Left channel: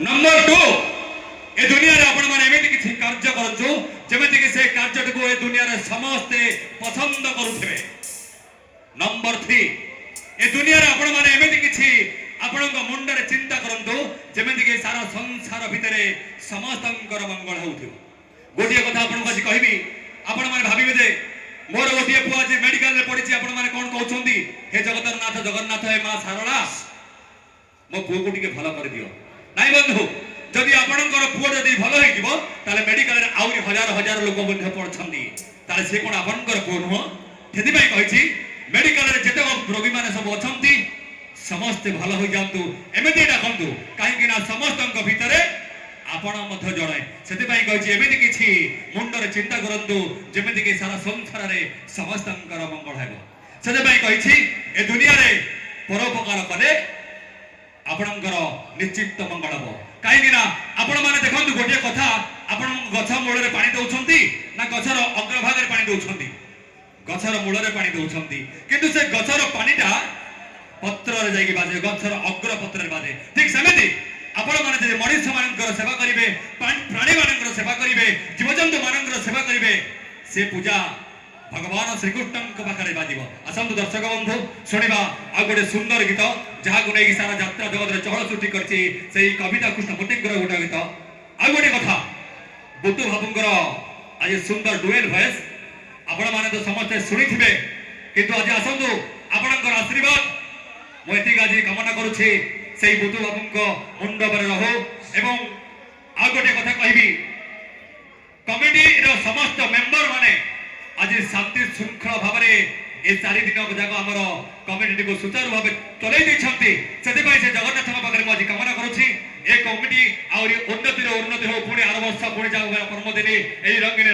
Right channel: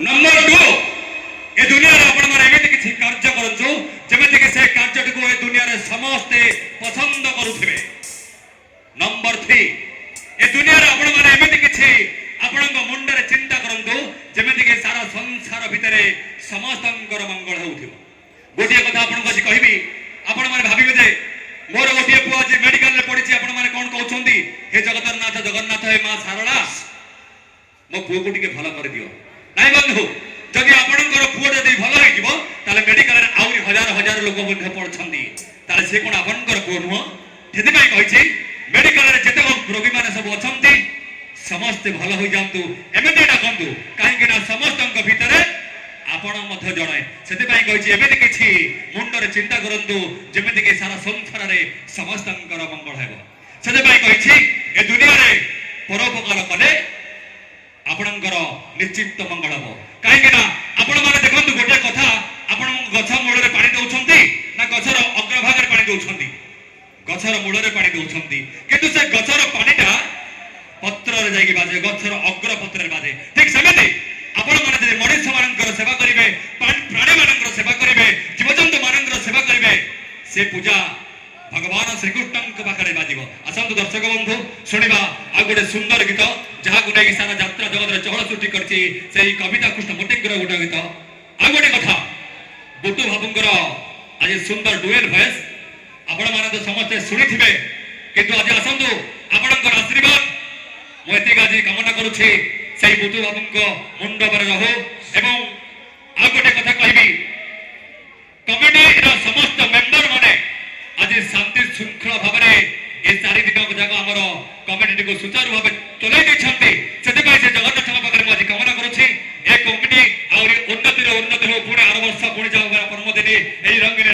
Number 2 ए दुनिया रे आपण माने एमिति किछि कार्य करछु जेमिति कि से कार्य को ए दुनिया रे समस्त पसंद करूथिबे। नंबर 3 ए दुनिया रे आपण माने एमिति किछि आपण मुंड रे चिंता करंतु जेमिति कि सारा संसार भितरे समस्तंकर मंगल होउथिबो। गोटिए कथा आपण को कहबी आपण माने भाबिबे जे मोर गोटिए पुआ जे मेडिकल रे पढिछि आपण माने कोन कहउछंती हे जगतनाथ जगन्नाथ हे मां सारला मो पुओ को टिके भलो कर दियो नाइ बंधु जदि आपणकर पुओ जदि भलो हे जिवो ताले मेडिकल रे आउरी हजार हजार लोक मध्ये पडछंती ताले से कोन आपणकर पुओ नुह जेति पई कहिछि मेडिकल रे जते रोगी माने सब अछंती समस्त भलो हो जांतु एमेति डाकंतु काहे कि ना समस्तंक भितरे आपण मध्य जणे सेति पई कहिछि एमेति किछि मुंड रे चिंता करंतु जेमिति कि सारा संसार रे समस्तंकर मंगल हेबो। सेति पई कहिछि ए दुनिया रे परोपकार कले आपणकर निश्चित मंगल हो काहे कि ना आपण माने देखंतु गोटे कथा आपण गछ मूल रे पानी दउछंती ना गछर अग्रभाग रे पानी दउछंती गछर मूल रे पानी दउछंती किंतु से गछर पानीटा पत्र रे जाई बाजे गछर अग्र पत्र रे बाजे ठीक समिति आपण माने जे मनुष्य मानकर सेवा करिवे प्राणी मानकर सेवा करिवे जीवजंतु मानकर सेवा करिवे से पूजा भगवान श्री कृष्ण के पाखरे बाजिबो। असंतु दर्शक बंधु सुनिबा आ गोटे सुंदर गीत जहा गुनै सारा यात्रा जगत रे चहल सृष्टि करछि सेही कविता कृष्ण मोटिकर गोटे गीत आ गोटे कथा बुद्धू बाबूंकर आज सुंदर डुएल वॉइस आपण माने तो समस्त सुनिथिबे किंतु आज असंतु आपणकर आशीर्वाद मो एति गाजी कामना करूछि सेही बुद्धू बाबूंको मुंड पर रहो एवं आ गोटे कथा कहबी कमिटी रो समस्त मेंबर माने आज शांति श्रृंखला भाव में 4 दिन जाक आमर कमिटी को सुचारू भाव चलाई देछंती सेते से जगन्नाथ पाखरे आज कामना करूछि ए कमिटी आ उन्नति हो पुणे 8 वर्ष पुणे जाऊ परम दिन एही रंगीन